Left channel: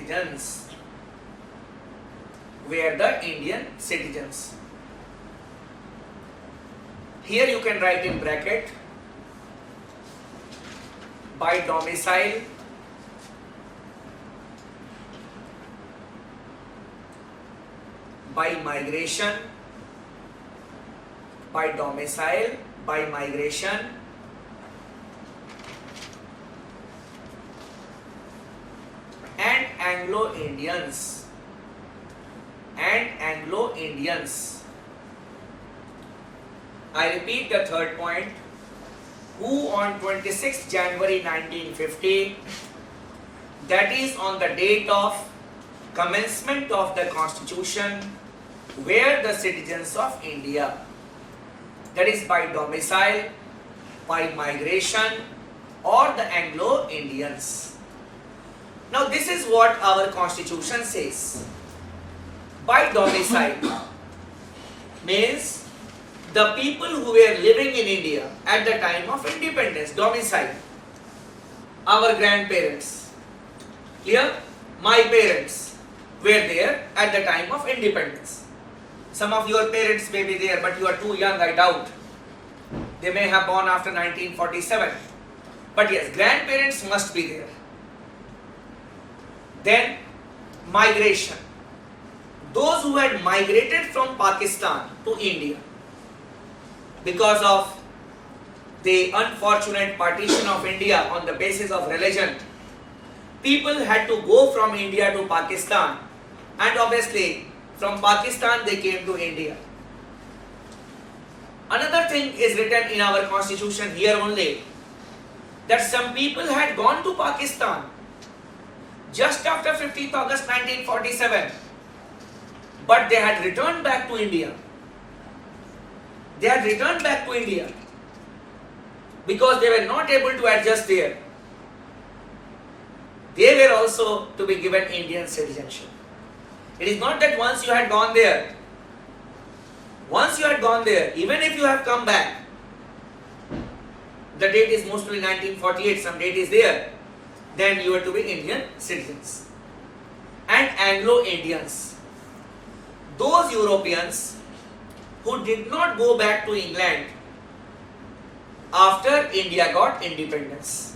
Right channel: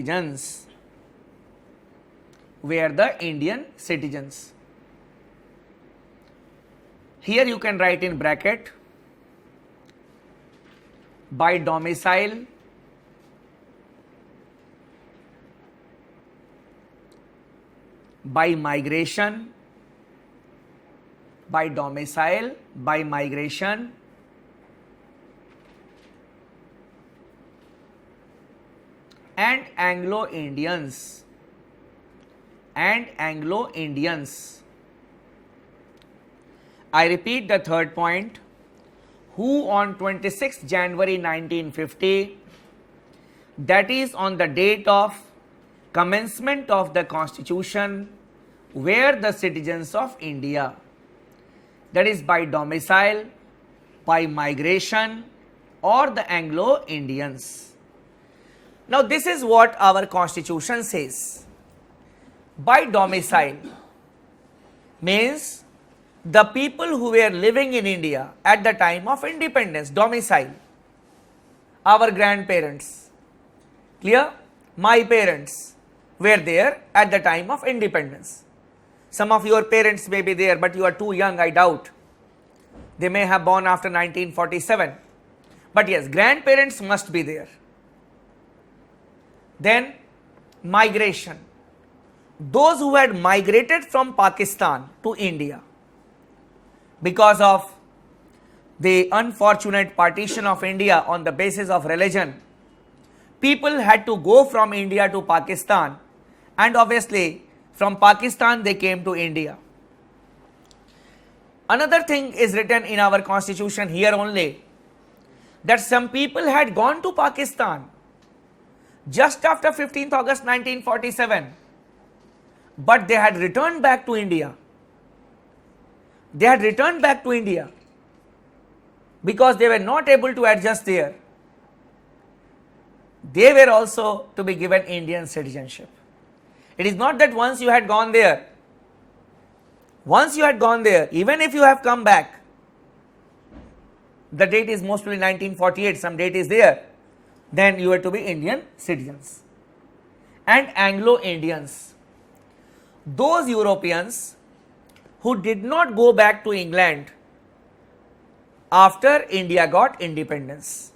citizens. Were the Indian citizens. Here you can write in bracket by domicile, by migration, by domicile, by migration, and Anglo-Indians, and Anglo-Indians. I repeat the third point, who on 26th January 1950, that is on the date of commencement of the constitution, were the citizens of India. That is by domicile, by migration, or the Anglo-Indians. Now this is what our constitution says. By domicile means the people who were living in India at the time of independence, domicile. Our grandparents, clear? My parents were there at the time of independence. Some of your parents may be there, but you are too young, I doubt. They may have born after 1947. But yes, grandparents must be there. Then migration. Those who had migrated from Pakistan to India because of the unfortunate partition of India on the basis of religion, people had to go from India to Pakistan, and obviously from Pakistan they came to India. Another thing is written in our constitution here only, that some people had gone to Pakistan just after 15th August 1947, but they had returned back to India. They had returned back to India because they were not able to adjust there. They were also to be given Indian citizenship. It is not that once you had gone there, even if you have come back, the date is mostly 1948, some date is there, then you are to be Indian citizens. And Anglo-Indians, those Europeans who did not go back to England after India got independence.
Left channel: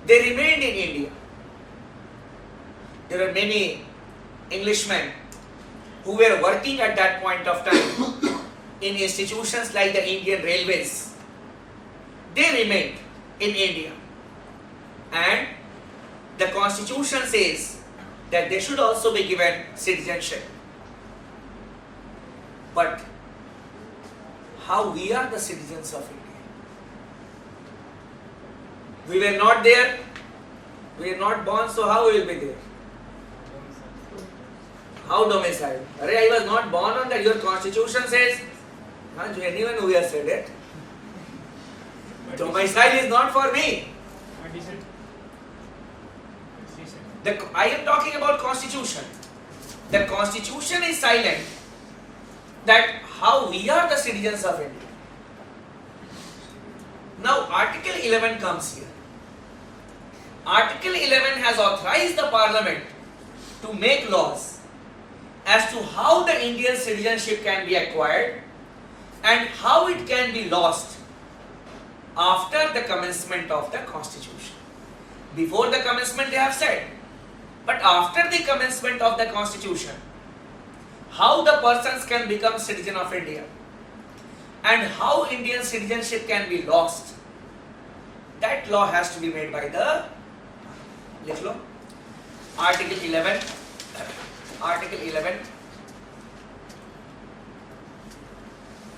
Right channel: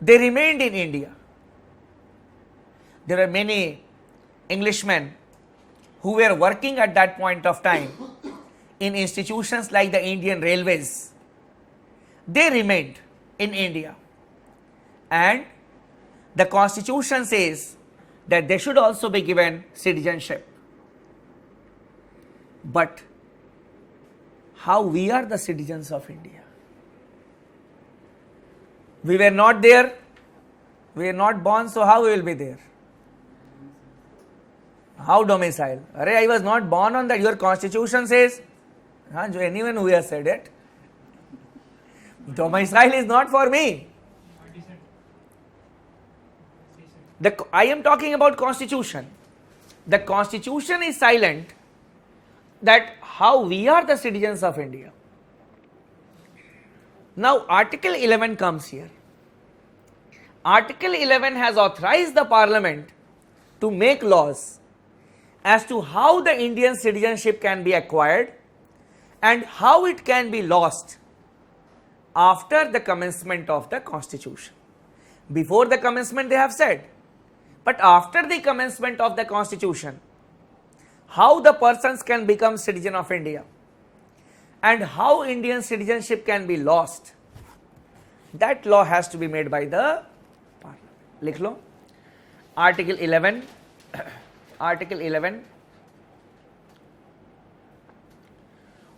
They remained in India. There are many Englishmen who were working at that point of time in institutions like the Indian Railways. They remained in India, and the constitution says that they should also be given citizenship. But how we are the citizens of India? We were not there, we are not born, so how we will be there? How domicile? Arey, I was not born on that. Your constitution says, anyone who has said it, domicile is not for me. I am talking about constitution. The constitution is silent that how we are the citizens of India. Now Article 11 comes here. Article 11 has authorized the Parliament to make laws as to how the Indian citizenship can be acquired and how it can be lost after the commencement of the Constitution. Before the commencement they have said, but after the commencement of the Constitution, how the persons can become citizen of India and how Indian citizenship can be lost, that law has to be made by the Article 11. Article 11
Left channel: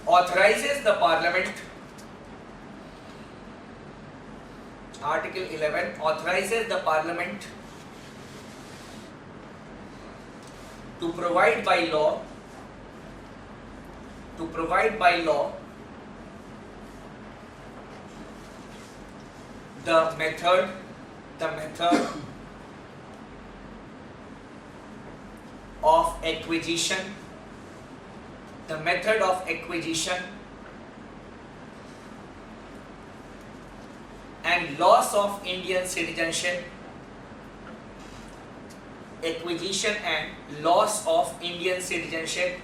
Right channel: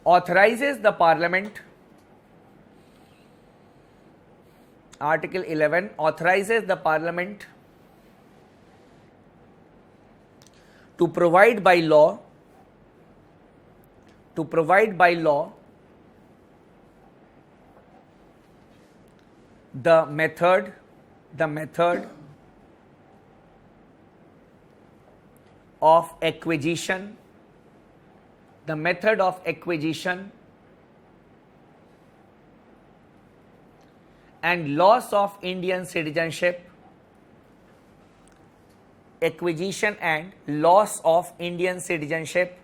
authorizes the Parliament. Article 11 authorizes the Parliament to provide by law the method of acquisition, and loss of Indian citizenship acquisition and loss of Indian citizenship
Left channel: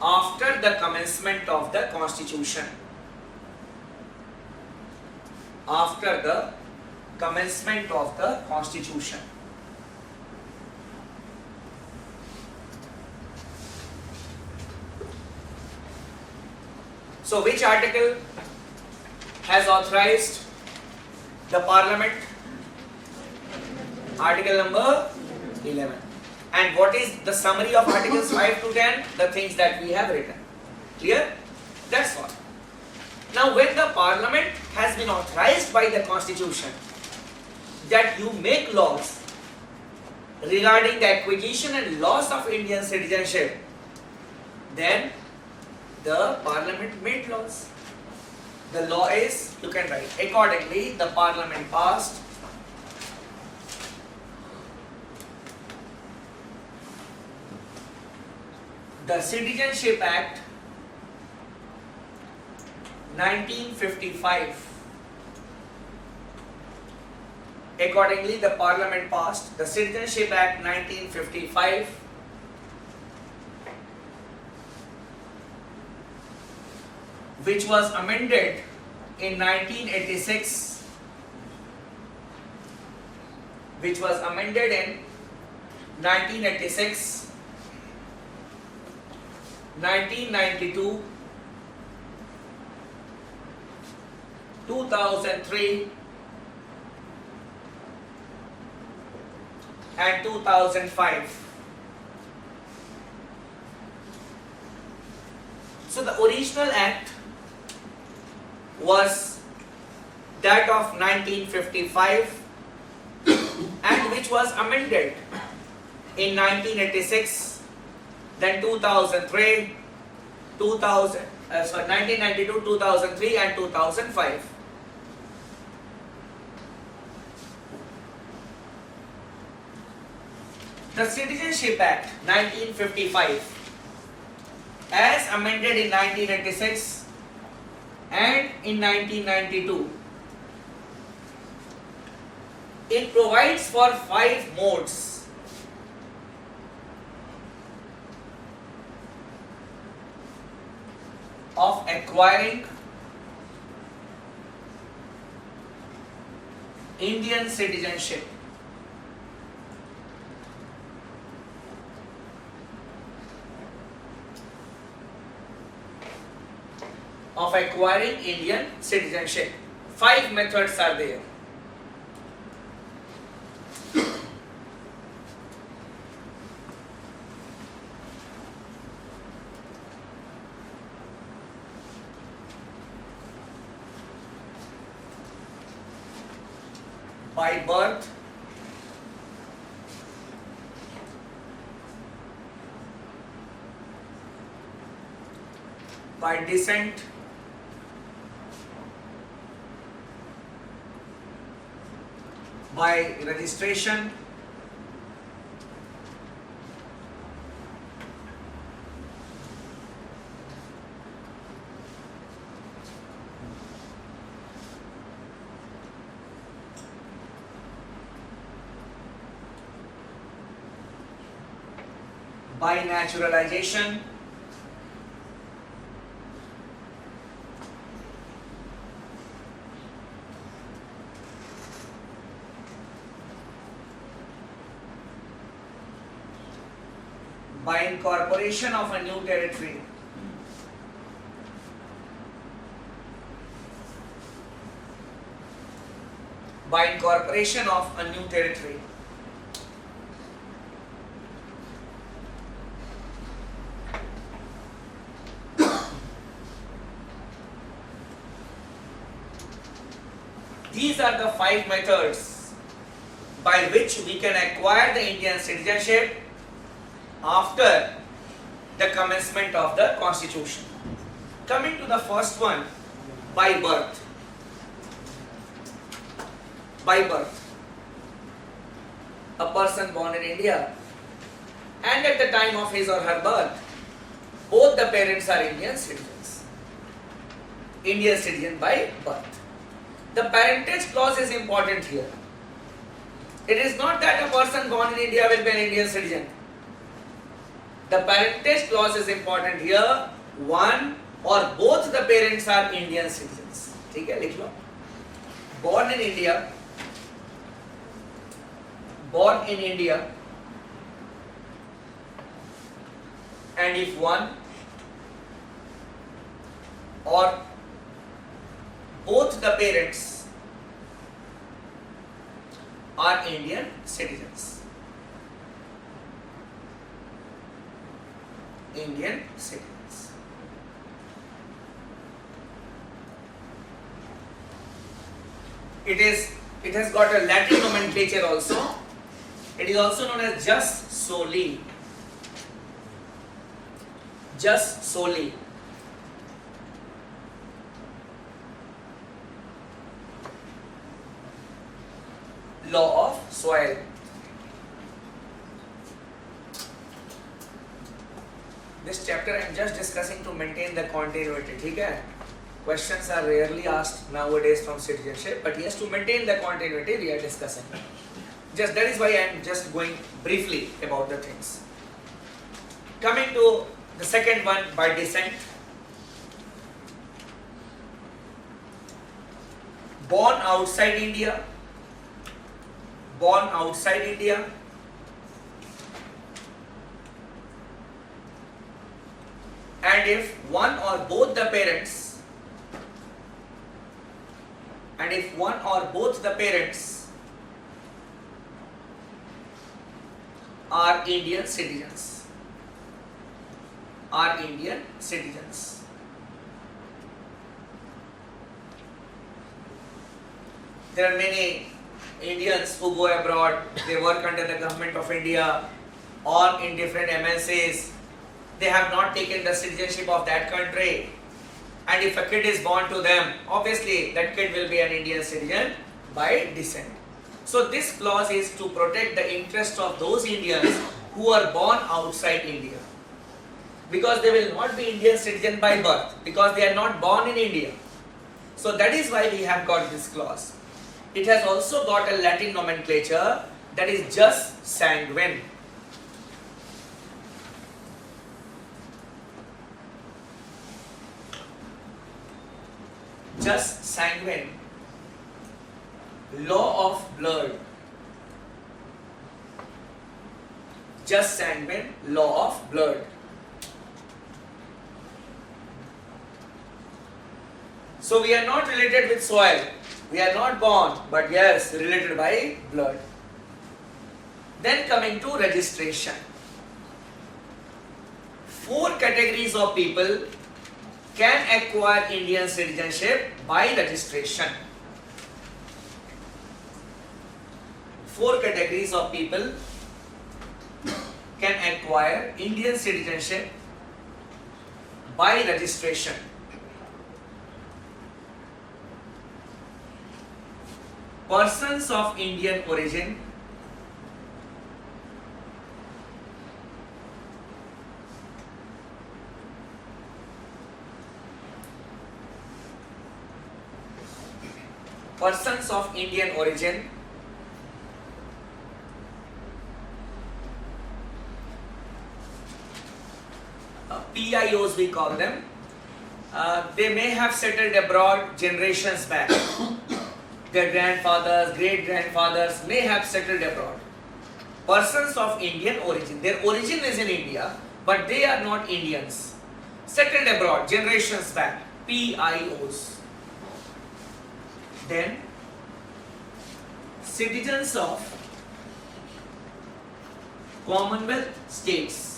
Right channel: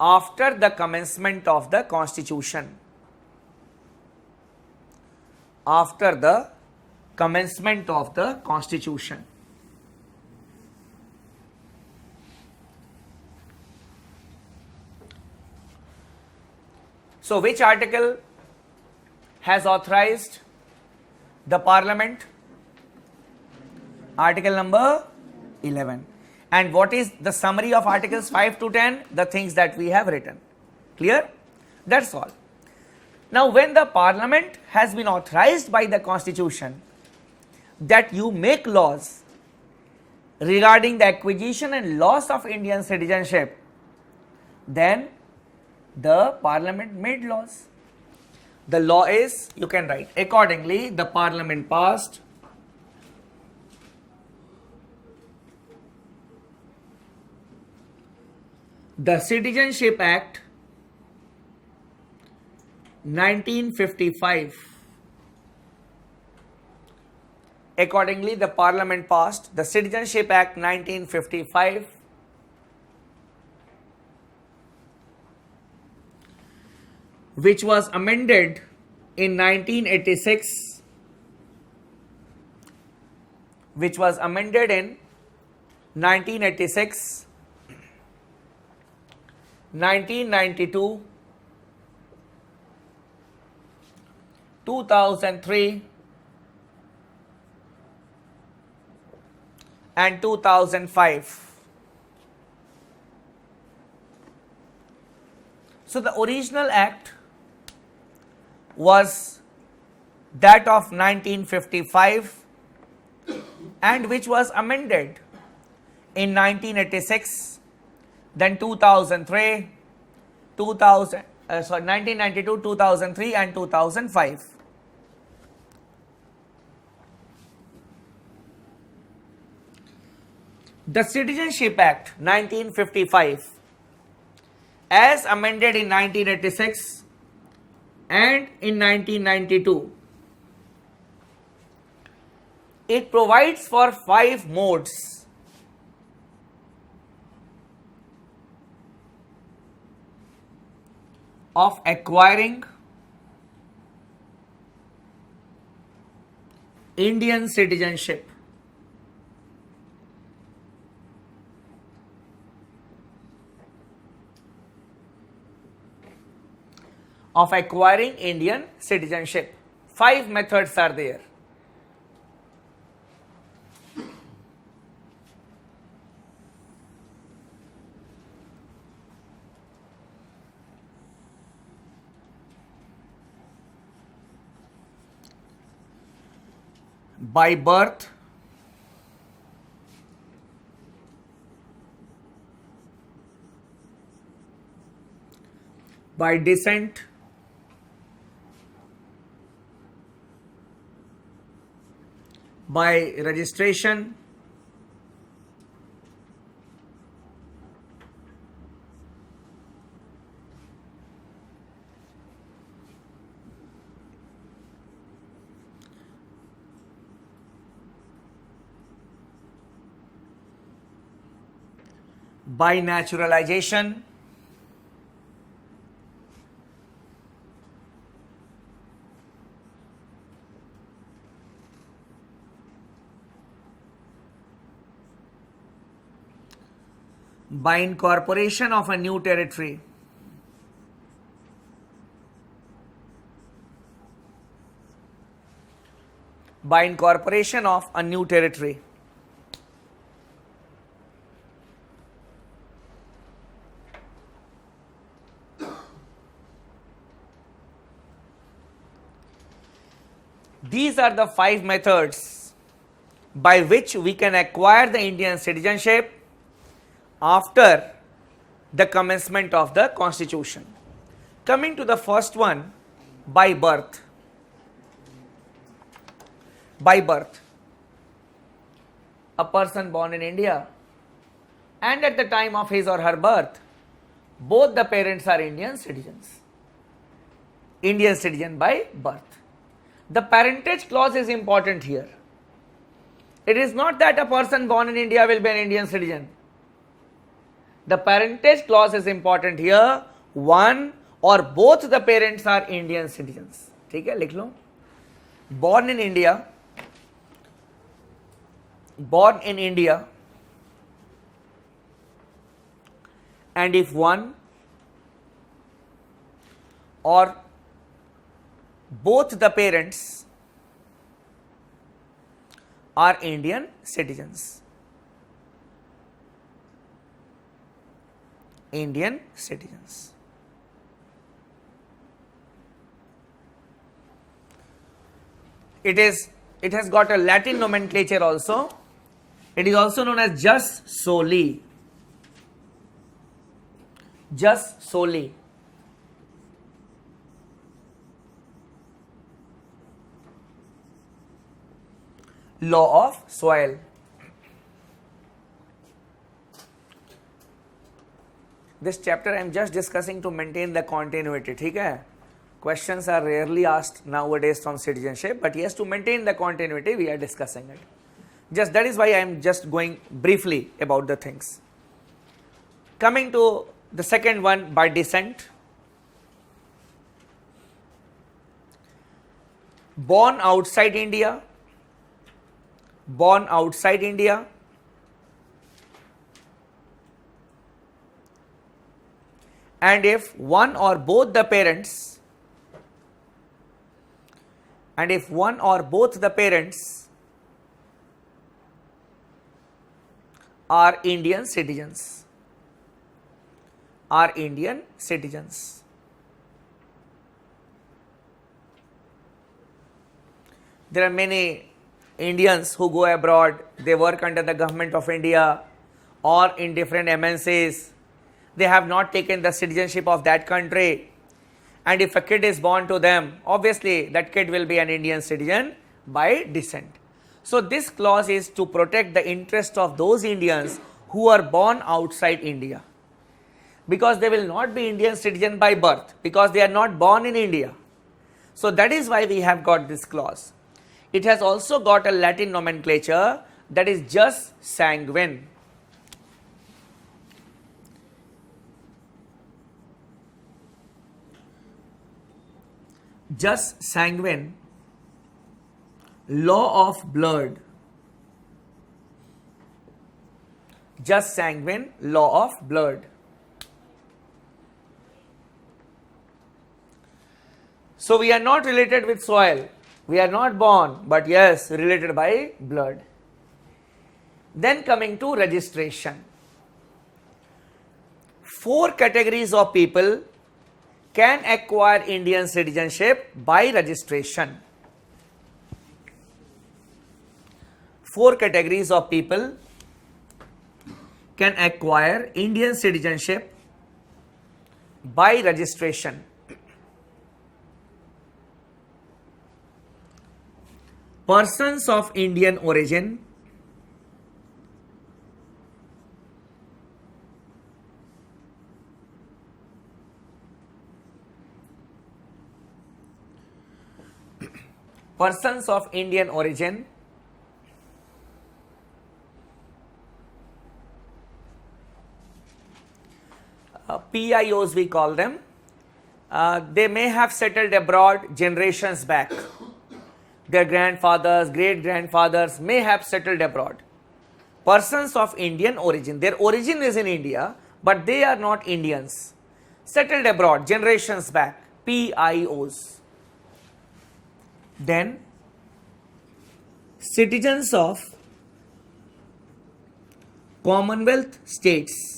after the commencement of the constitution. After the commencement of the constitution. So which article has authorized the parliament? Article number 11. And what is the summary of articles 5 to 10? The things that we have written. Clear? That's all. Now when the parliament has been authorized by the constitution that you make laws regarding the acquisition and loss of Indian citizenship, then the parliament made laws. The law is, you can write, accordingly the parliament passed the Citizenship Act 1955. Accordingly, the Parliament passed the Citizenship Act 1955, which was amended in 1986, which was amended in 1986, 1992, 2003 and 2005. So the original act was that of 1955 and which was amended in 1986, then 2003, 1992, 2003 and 2005. The Citizenship Act 1955 as amended in 1986 and in 1992, it provides for 5 modes of acquiring Indian citizenship. Of acquiring Indian citizenship. 5 methods are there. By birth, by descent, by registration, by naturalization, by incorporation of a new territory, by incorporation of a new territory, these are the 5 methods by which we can acquire the Indian citizenship after the commencement of the constitution. Coming to the first one, by birth. By birth. A person born in India and at the time of his or her birth, both the parents are Indian citizens. Indian citizen by birth. The parentage clause is important here. It is not that a person born in India will be an Indian citizen. The parentage clause is important here. One or both the parents are Indian citizens. ठीक है, लिख लो. Born in India, and if one or both the parents are Indian citizens. Indian citizens. It has got a Latin nomenclature also. It is also known as jus soli. Jus soli. Law of soil. This chapter I am just discussing to maintain the continuity. ठीक है? Questions are rarely asked nowadays from citizenship, but yes, to maintain the continuity we are discussing it. Just that is why I am just going briefly about the things. Coming to the second one, by descent. Born outside India. Born outside India. And if one or both the parents are Indian citizens. There are many Indians who go abroad, they work under the government of India or in different MNCs. They have not taken the citizenship of that country, and if a kid is born to them, obviously that kid will be an Indian citizen by descent. So this clause is to protect the interest of those Indians who are born outside India, because they will not be Indian citizen by birth, because they are not born in India. So that is why we have got this clause. It has also got a Latin nomenclature, that is jus sanguine. Jus sanguine, law of blood. Jus sanguine, law of blood. So we are not related with soil. We are not born, but yes, related by blood. Then coming to registration. 4 categories of people can acquire Indian citizenship by registration. 4 categories of people can acquire Indian citizenship by registration. Persons of Indian origin, persons of Indian origin, PIOs we call them. They may have settled abroad generations back. Their grandfathers, great grandfathers may have settled abroad. Persons of Indian origin, their origin is in India, but they are not Indians. Settled abroad generations back, PIOs. Then citizens of Commonwealth states.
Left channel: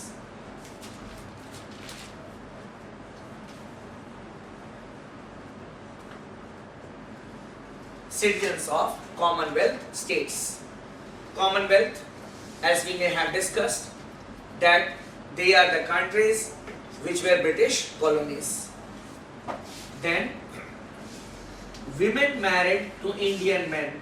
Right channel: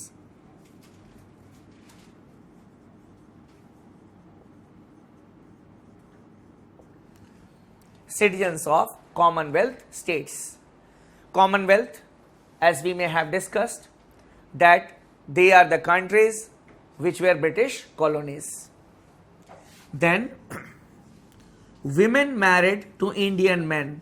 Citizens of Commonwealth states. Commonwealth, as we may have discussed, that they are the countries which were British colonies. Then women married to Indian men.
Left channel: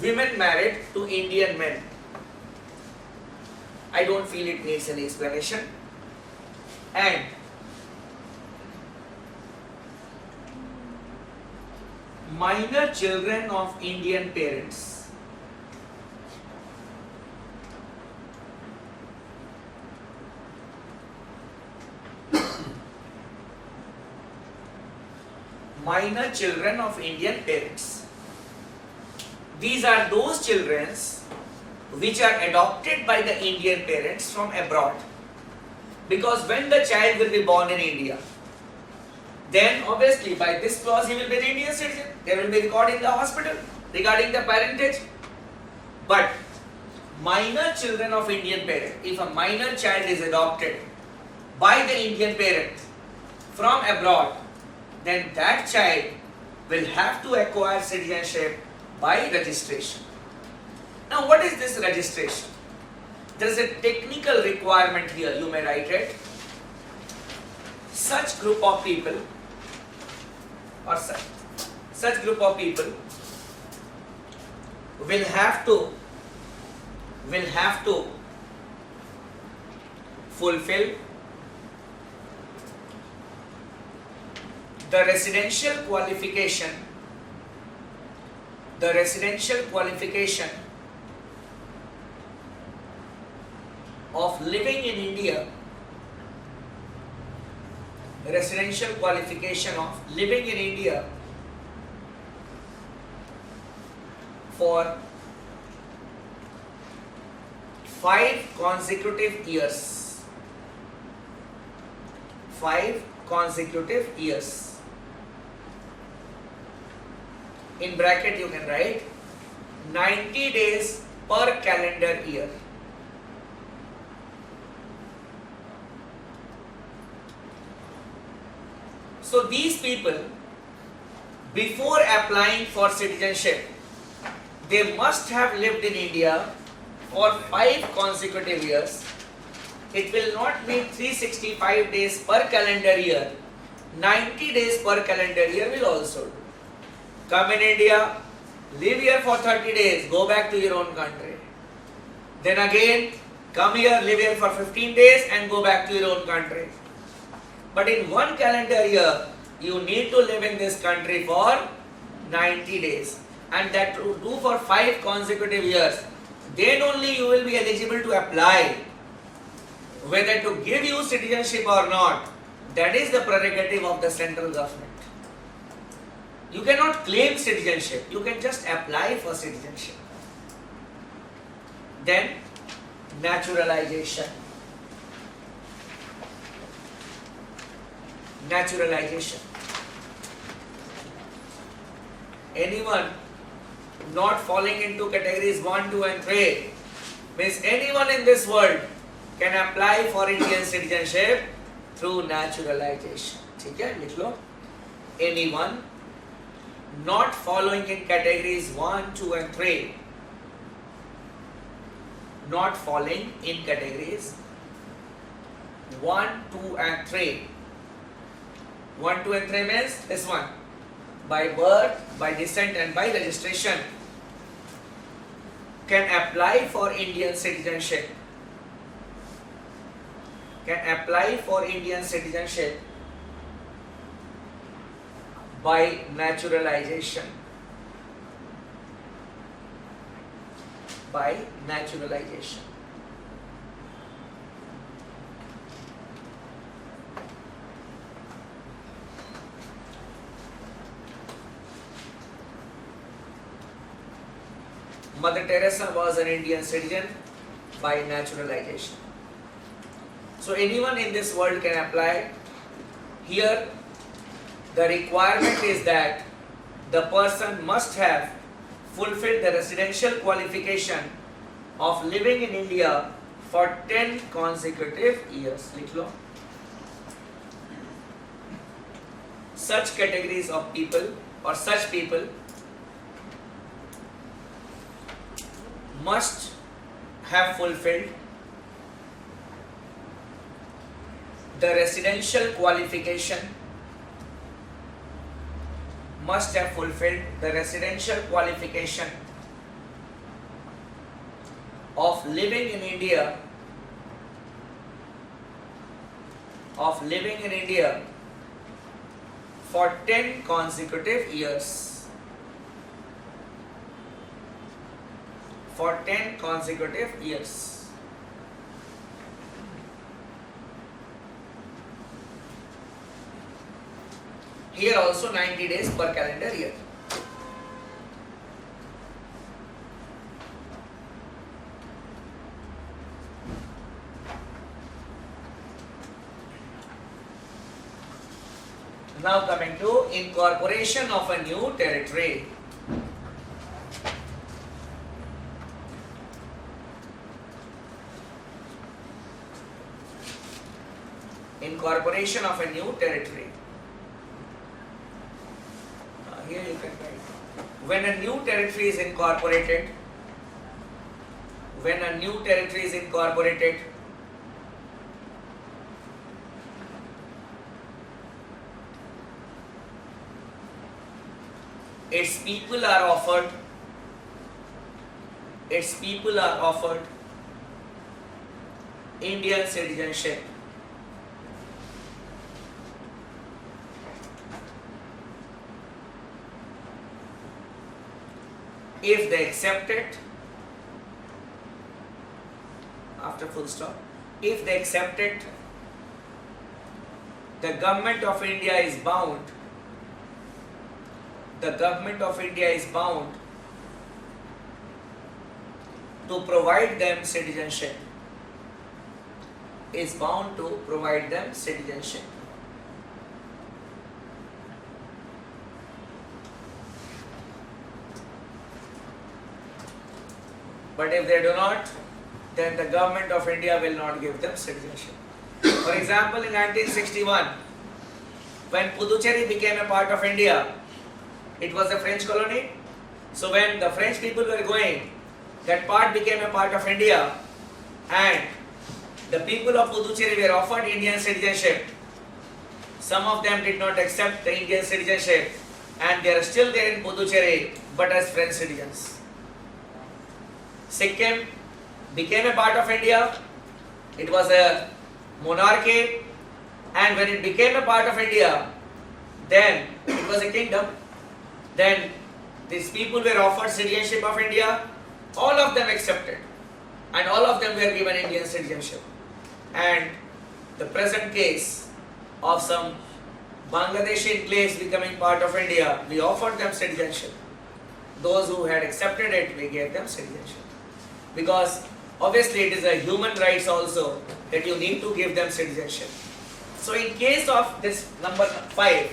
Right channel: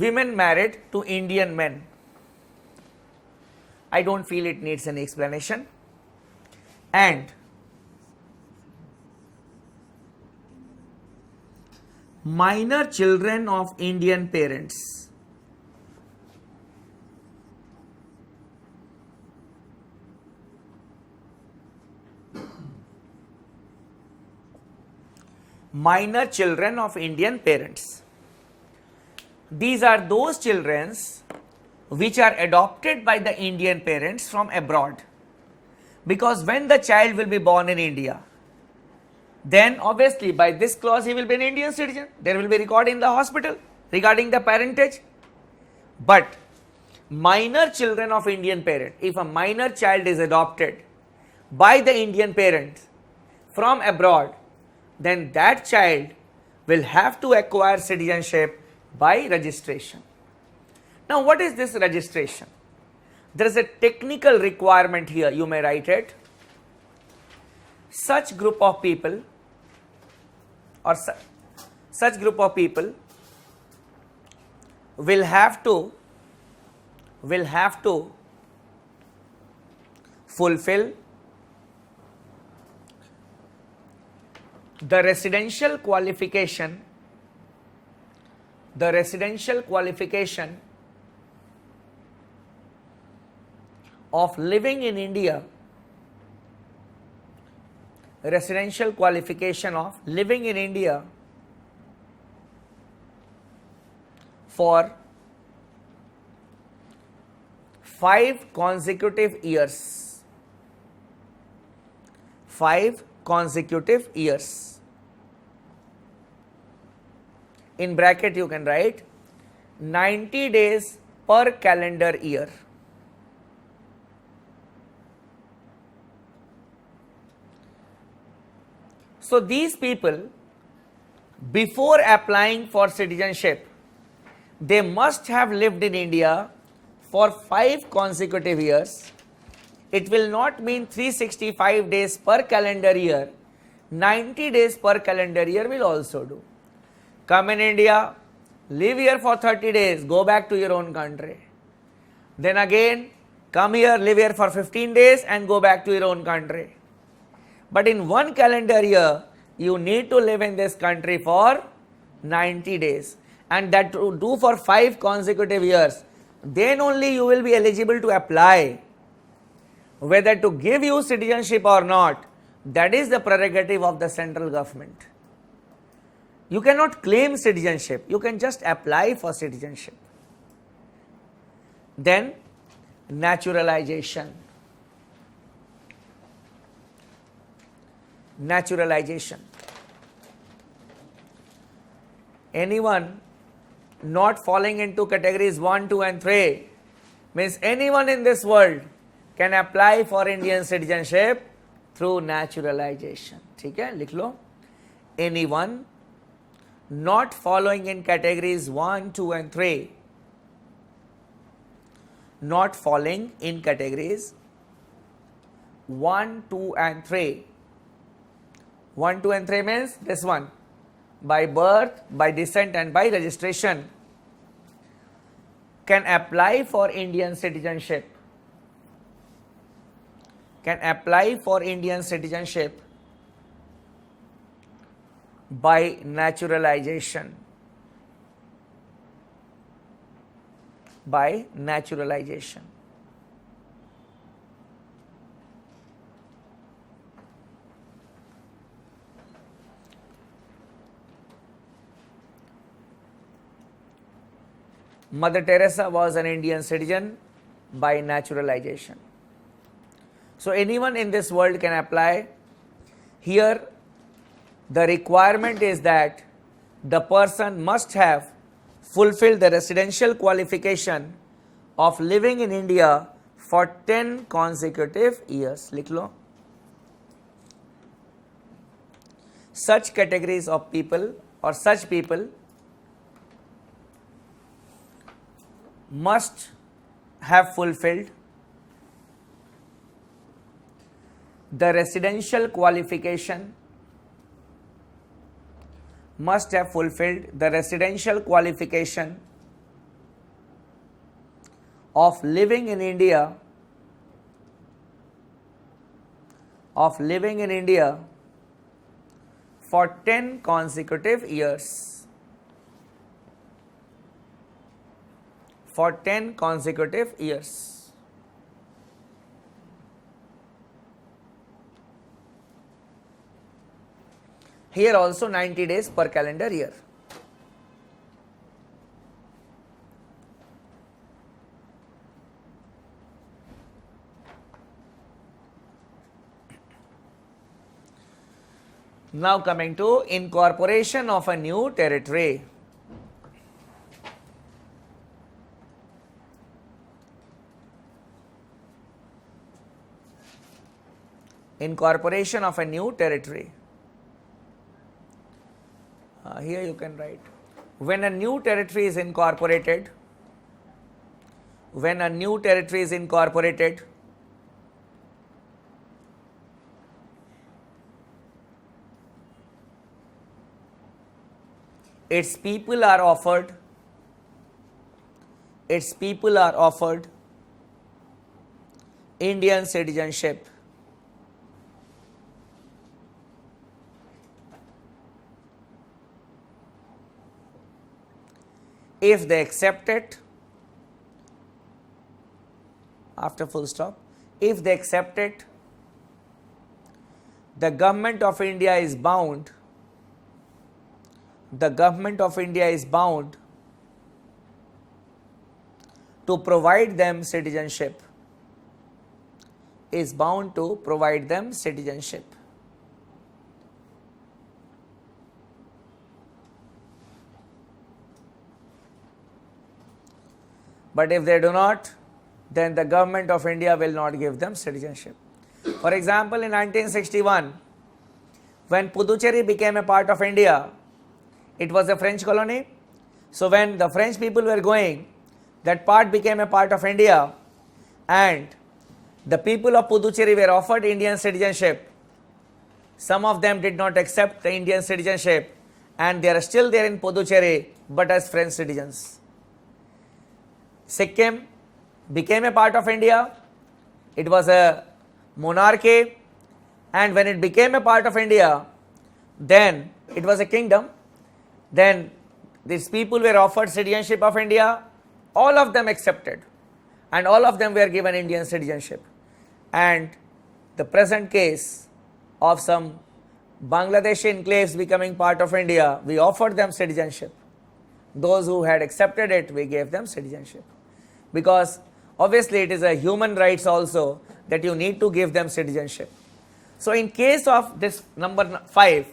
Women married to Indian men. I don't feel it needs an explanation. And minor children of Indian parents. Minor children of Indian parents. These are those children which are adopted by the Indian parents from abroad. Because when the child will be born in India, then obviously by this clause he will be an Indian citizen. There will be record in the hospital regarding the parentage. But minor children of Indian parent, if a minor child is adopted by the Indian parent from abroad, then that child will have to acquire citizenship by registration. Now what is this registration? There is a technical requirement here, you may write it. Such group of people or such group of people will have to fulfill the residential qualification of living in India, residential qualification of living in India for 5 consecutive years. 5 consecutive years. In bracket you can write 90 days per calendar year. So these people, before applying for citizenship, they must have lived in India for 5 consecutive years. It will not mean 365 days per calendar year. 90 days per calendar year will also do. Come in India, live here for 30 days, go back to your own country. Then again, come here, live here for 15 days and go back to your own country. But in one calendar year, you need to live in this country for 90 days. And that to do for 5 consecutive years. Then only you will be eligible to apply. Whether to give you citizenship or not, that is the prerogative of the central government. You cannot claim citizenship, you can just apply for citizenship. Then, naturalization. Naturalization. Anyone not falling into categories 1, 2 and 3 means anyone in this world can apply for Indian citizenship through naturalization. ठीक है, लिख लो. Anyone not following in categories 1, 2 and 3, not falling in categories 1, 2 and 3. 1, 2 and 3 means this one. By birth, by descent and by registration can apply for Indian citizenship. Can apply for Indian citizenship by naturalization. By naturalization. Mother Teresa was an Indian citizen by naturalization. So anyone in this world can apply. Here the requirement is that the person must have fulfilled the residential qualification of living in India for 10 consecutive years. लिख लो. Such categories of people or such people must have fulfilled the residential qualification, must have fulfilled the residential qualification of living in India of living in India for 10 consecutive years. For 10 consecutive years. Here also 90 days per calendar year. Now coming to incorporation of a new territory. Incorporation of a new territory. Here you can write. When a new territory is incorporated, its people are offered Indian citizenship. If they accept it, after full stop, if they accept it, the government of India is bound to provide them citizenship. But if they do not, then the government of India will not give them citizenship. For example, in 1961, when Puducherry became a part of India, it was a French colony. So when the French people were going, that part became a part of India, and the people of Puducherry were offered Indian citizenship. Some of them did not accept the Indian citizenship, and they are still there in Puducherry, but as French citizens. Sikkim became a part of India. It was a monarchy, and when it became a part of India, then it was a kingdom. Then these people were offered citizenship of India. All of them accepted, and all of them were given Indian citizenship. And the present case of some Bangladeshi enclaves becoming part of India, we offered them citizenship. Those who had accepted it, we gave them citizenship. Because obviously it is a human rights also that you need to give them citizenship. So in case of this number 5,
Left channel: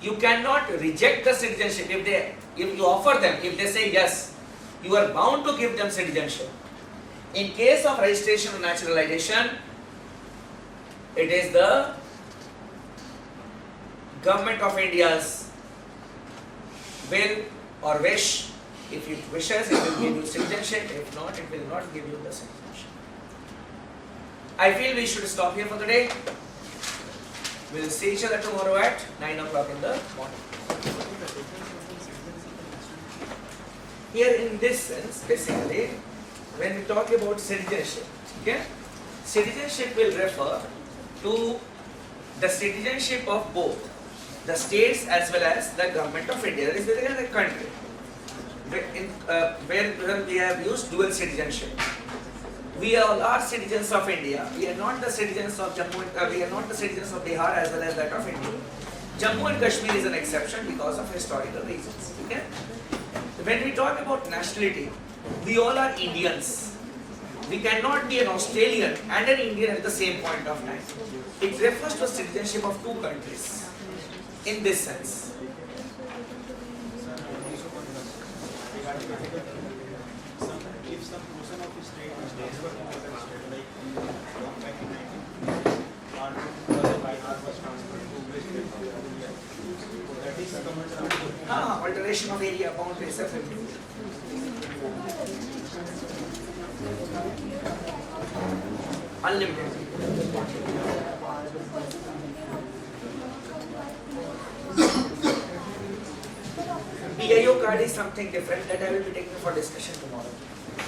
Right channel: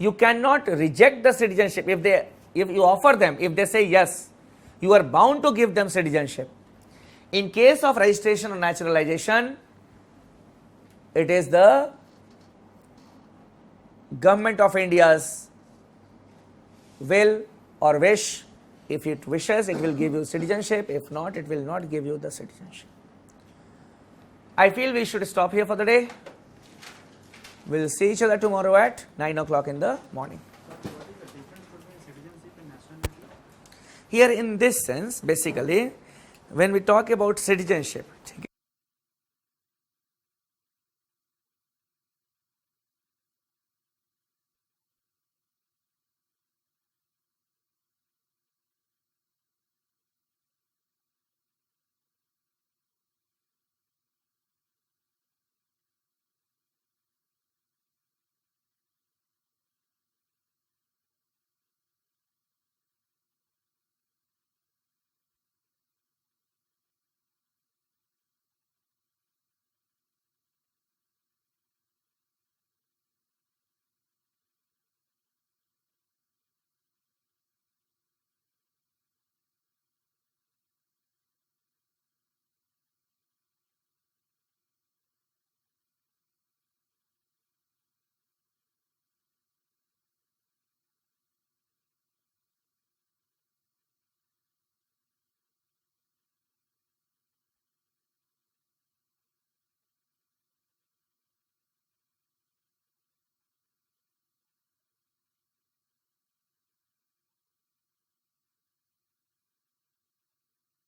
you cannot reject the citizenship. If you offer them, if they say yes, you are bound to give them citizenship. In case of registration or naturalization, it is the government of India's will or wish. If it wishes, it will give you citizenship. If not, it will not give you the citizenship. I feel we should stop here for the day. We will see each other tomorrow at 9 o'clock in the morning. Here in this sense, basically, when we talk about citizenship, okay, citizenship will refer to the citizenship of both the states as well as the government of India. That is basically the country. Where we have used dual citizenship. We all are citizens of India. We are not the citizens of Jammu. We are not the citizens of Bihar as well as that of India. Jammu and Kashmir is an exception because of historical reasons. Okay? When we talk about nationality, we all are Indians. We cannot be an Australian and an Indian at the same point of time. It refers to citizenship of two countries. In this sense. Alteration of area, boundaries, everything. Unlimited. BIO card is something different that I will be taking for discussion tomorrow.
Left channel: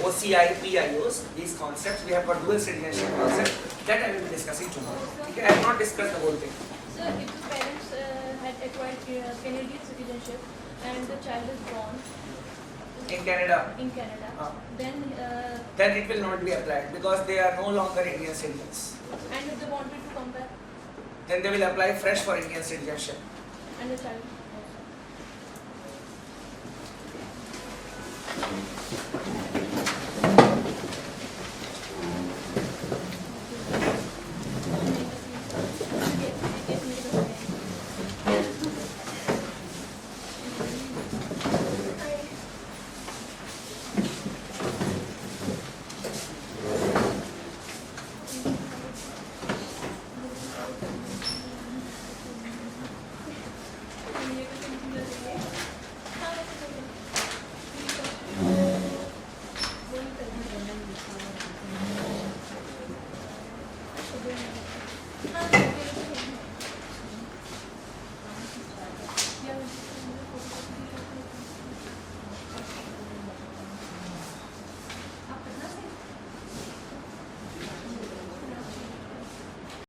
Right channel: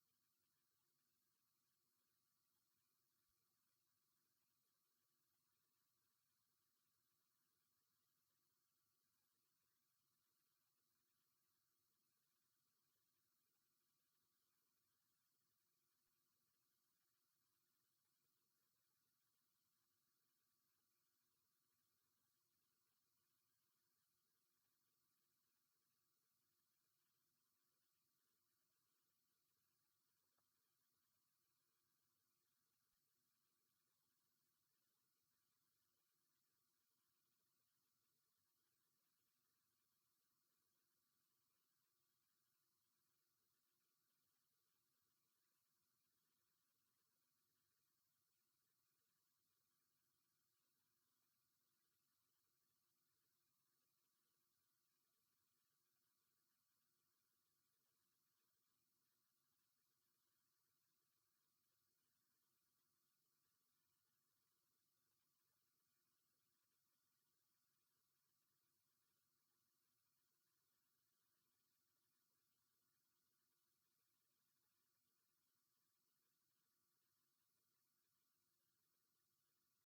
OCI, PIOs, these concepts. We have got dual citizenship concept that I will be discussing tomorrow. Okay, I have not discussed the whole thing. So if the parents had acquired Canadian citizenship and the child is born In Canada, then it will not be applied because they are no longer Indian citizens. and if they wanted to come back Then they will apply fresh for Indian citizenship. and the child also.